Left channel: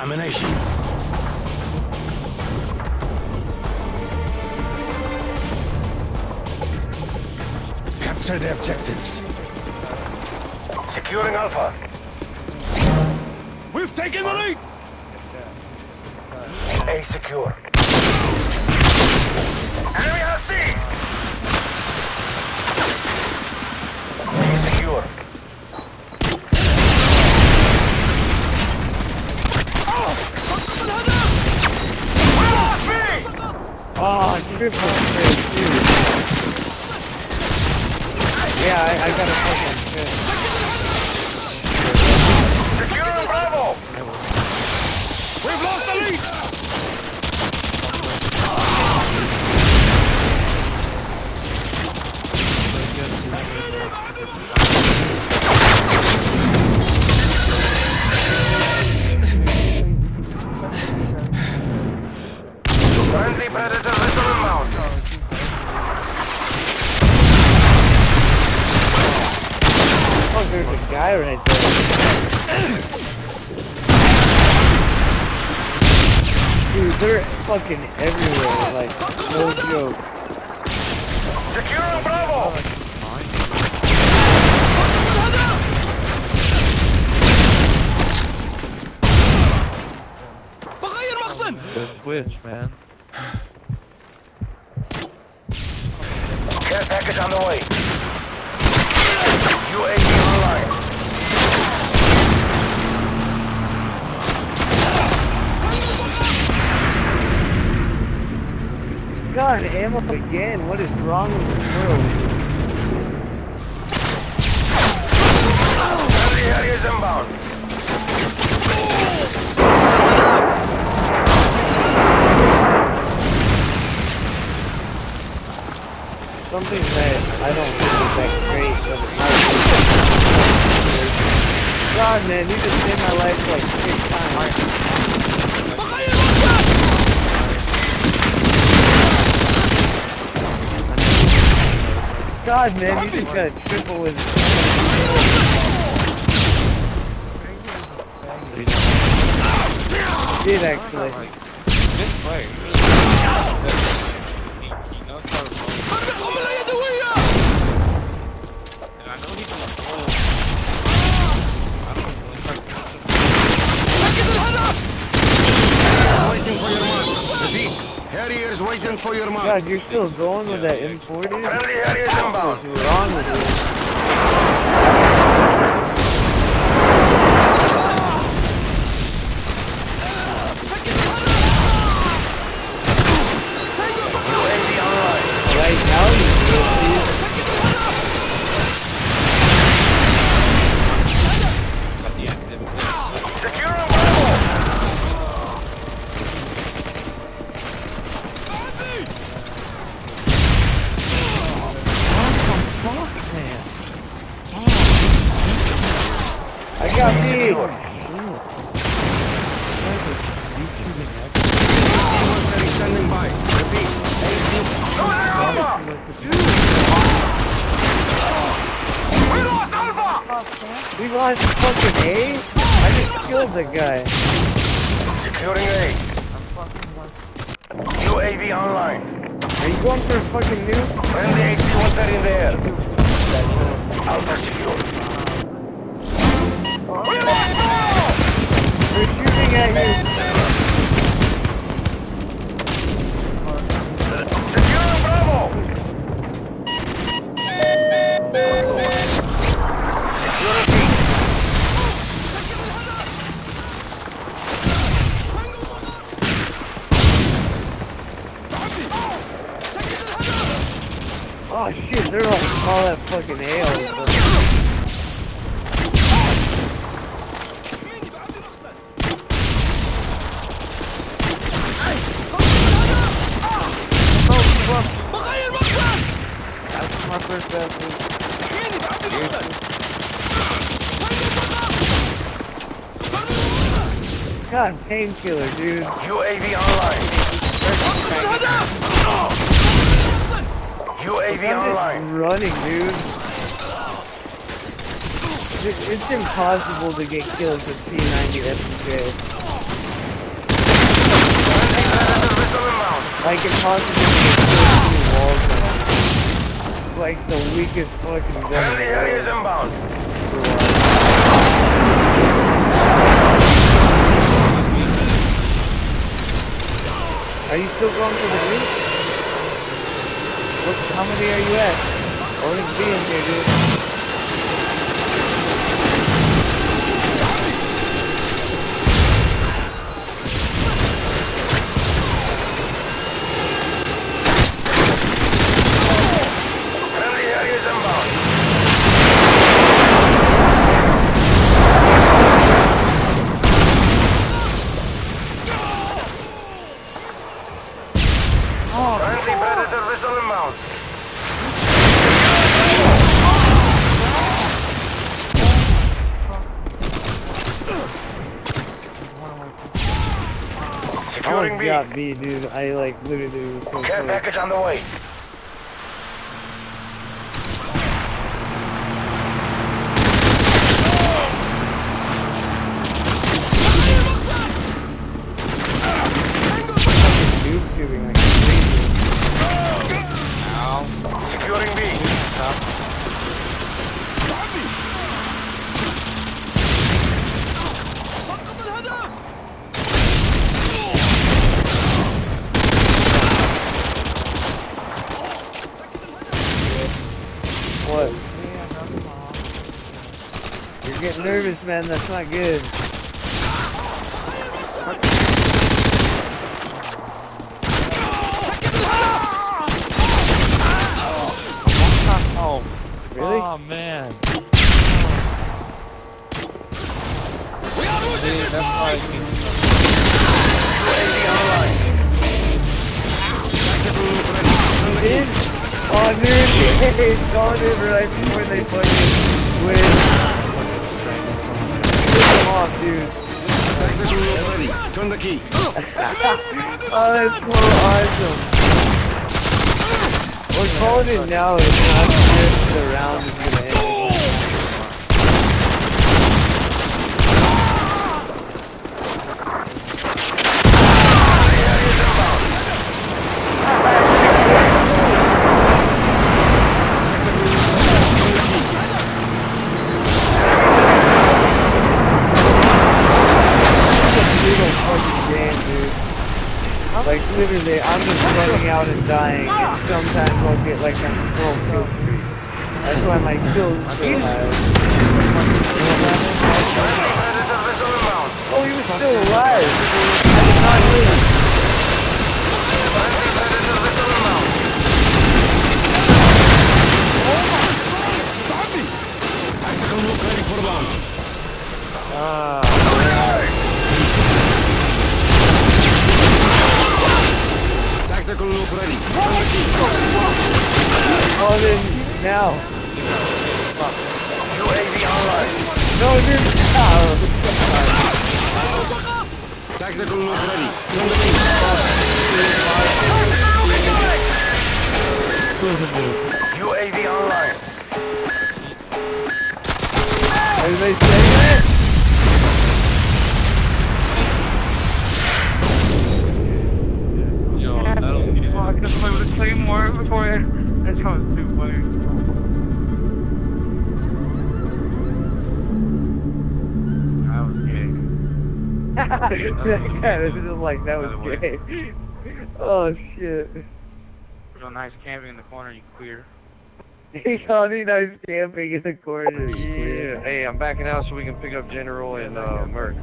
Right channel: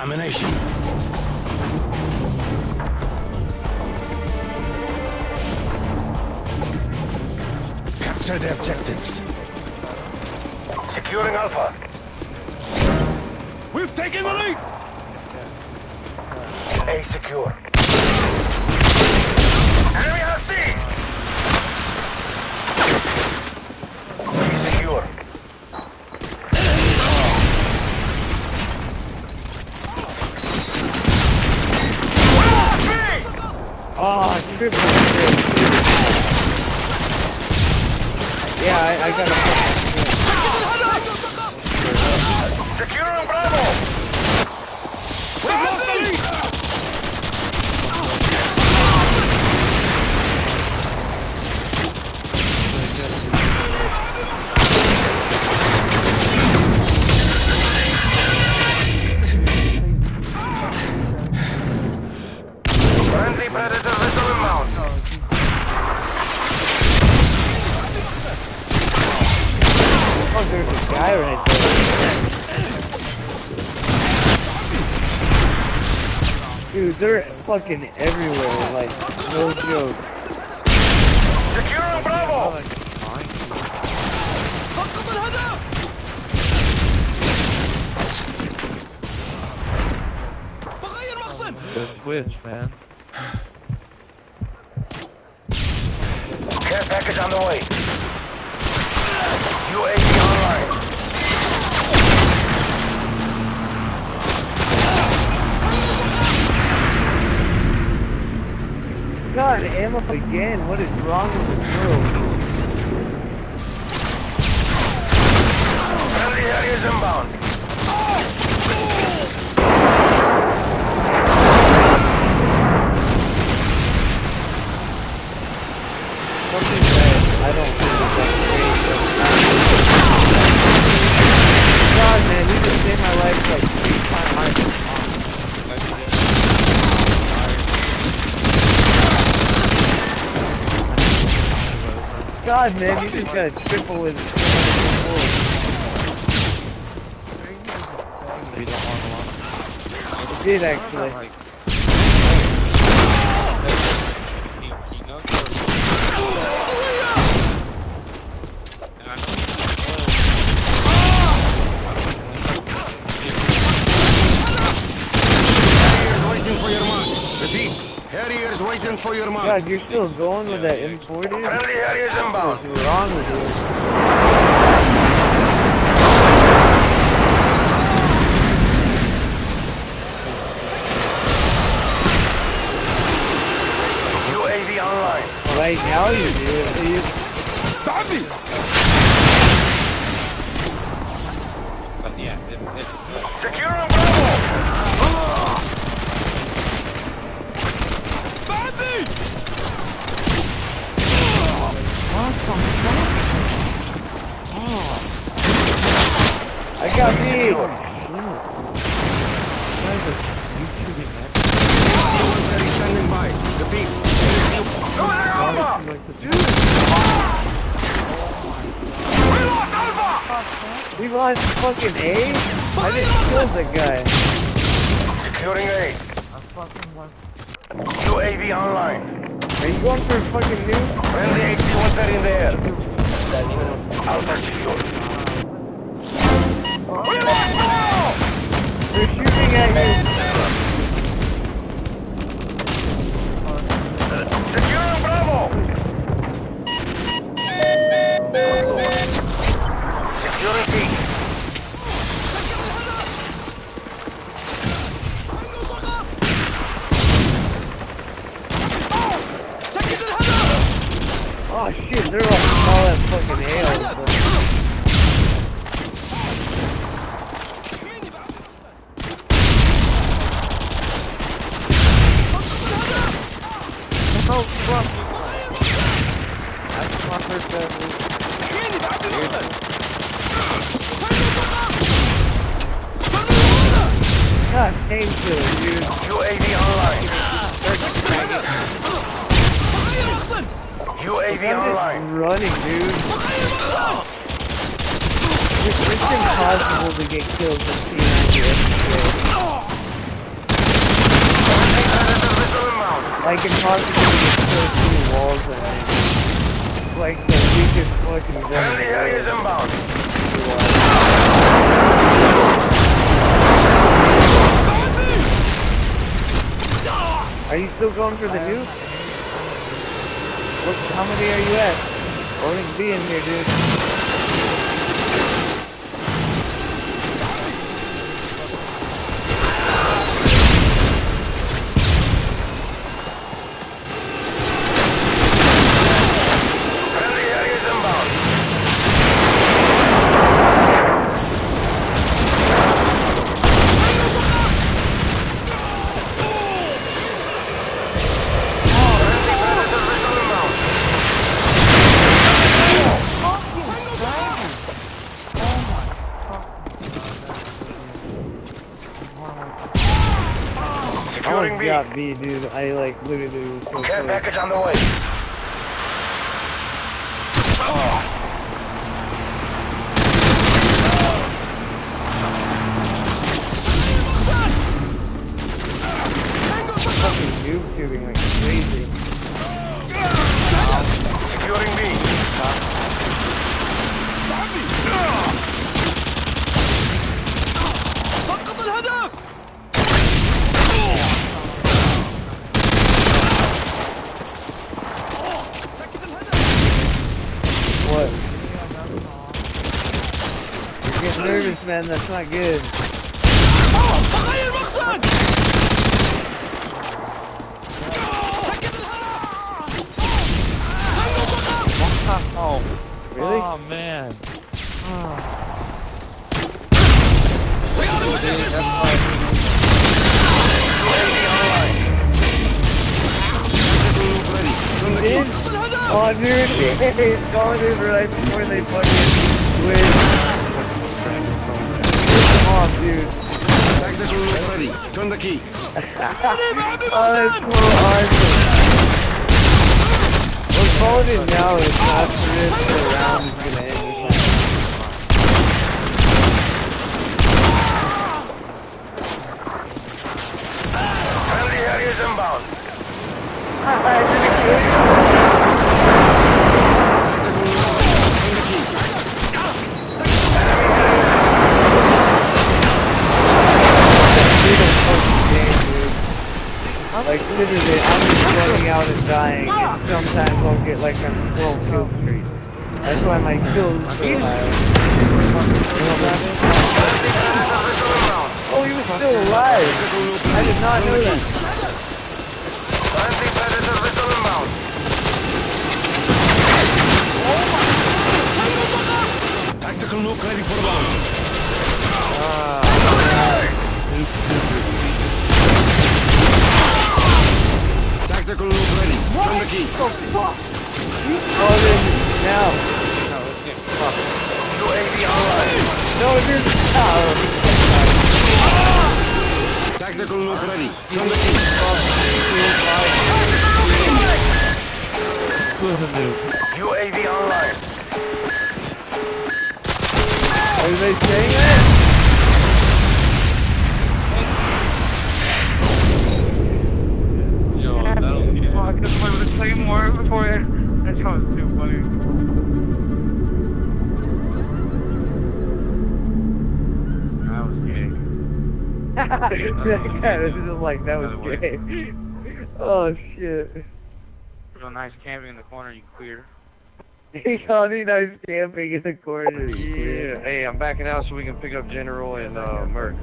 Domination. Capture the objectives. Securing Alpha. We've taken the lead! A secure. Enemy has C! B secure. We lost B! Oh, triple straight, too. Yeah, I got a fucking trip. Securing Bravo! We've lost the lead! Friendly Predator missile inbound. Oh, there's a guy right there. Dude, they're fucking everywhere, like, no joke. Securing Bravo! The switch, man. Care package on the way. UAV online. God, ammo again. What is wrong with this world? Friendly areas inbound. Something that I don't think is that great, but it might be. God, man, you just saved my life like 6 times. God, man, you just got a triple with somebody before. I did actually. He knows how to focus. And I know he's loyal. I don't know Harriers waiting for your mark. Repeat. Harriers waiting for your mark. God, you're still going with that M40? Friendly areas inbound. What's wrong with you? UAV online. Right now you do it, please. But yeah, Securing Bravo. I got me. that guy's like YouTubing action. AC-130 standing by. Repeat. AC... We lost Alpha! We lost fucking A? I just killed the guy. Securing A. UAV online. Are you going for a fucking nuke? Friendly AC-130 in the air. Alpha secure. We lost Bravo! They're shooting at you. Securing Bravo! Securing C. Oh shit, they're like all that fucking hail. But... No fucking way. That's what my first death is. Seriously? God, painkiller, dude. UAV online. UAV online. Running, dude. It's impossible to get kills with P90 FPK. like impossible to get killed through walls on him. It's like the weakest fucking gun in Friendly the area is world. inbound. Are you still going for the nuke? What, how many are you at? Only be in here, dude. Friendly area is inbound. Friendly Predator missile inbound. Securing Bravo. I Securing almost B. got B, dude. I like literally was so Care close. package on the way. Fucking noob shooting like crazy. Securing B. What? You're getting nervous, man. That's not good. Oh, Really? oh man. We are losing this fight! UAV online. Tactical loop ready. Turn the In? key. Oh, dude, he's going in right before they fucking win. Piss them off, dude. Tactical loop ready. Turn the key. Oh, that's so awesome. We're calling it now, it's not if the round is gonna end. Friendly area is inbound. I didn't kill you. Tactical loop ready. Turn the key. Enemy Harriers incoming. It's a brutal fucking game, dude. Like, literally, I'm just running out and dying, and sometimes I'll get like a 12 kill streak. That's why my kills are so high. Friendly Predator missile inbound. Oh, he was still alive! I did not lose. Friendly Predator missile inbound. Tactical nuke ready for launch. Tactical nuke ready. Turn the key. Oh, then, now. UAV online. No, dude. Oh. Tactical nuke ready. Turn the key. UAV online. Are they saying that? Yo, that'll get Fuck, I just played with a claymore before that. That was too funny. I was gay. That guy was just like, that was gay. Oh, shit. Real nice camping in the corner, you queer. He called me nice camping in the corner. Yeah. Hey, I'm backing out so we can pick up General and Merc.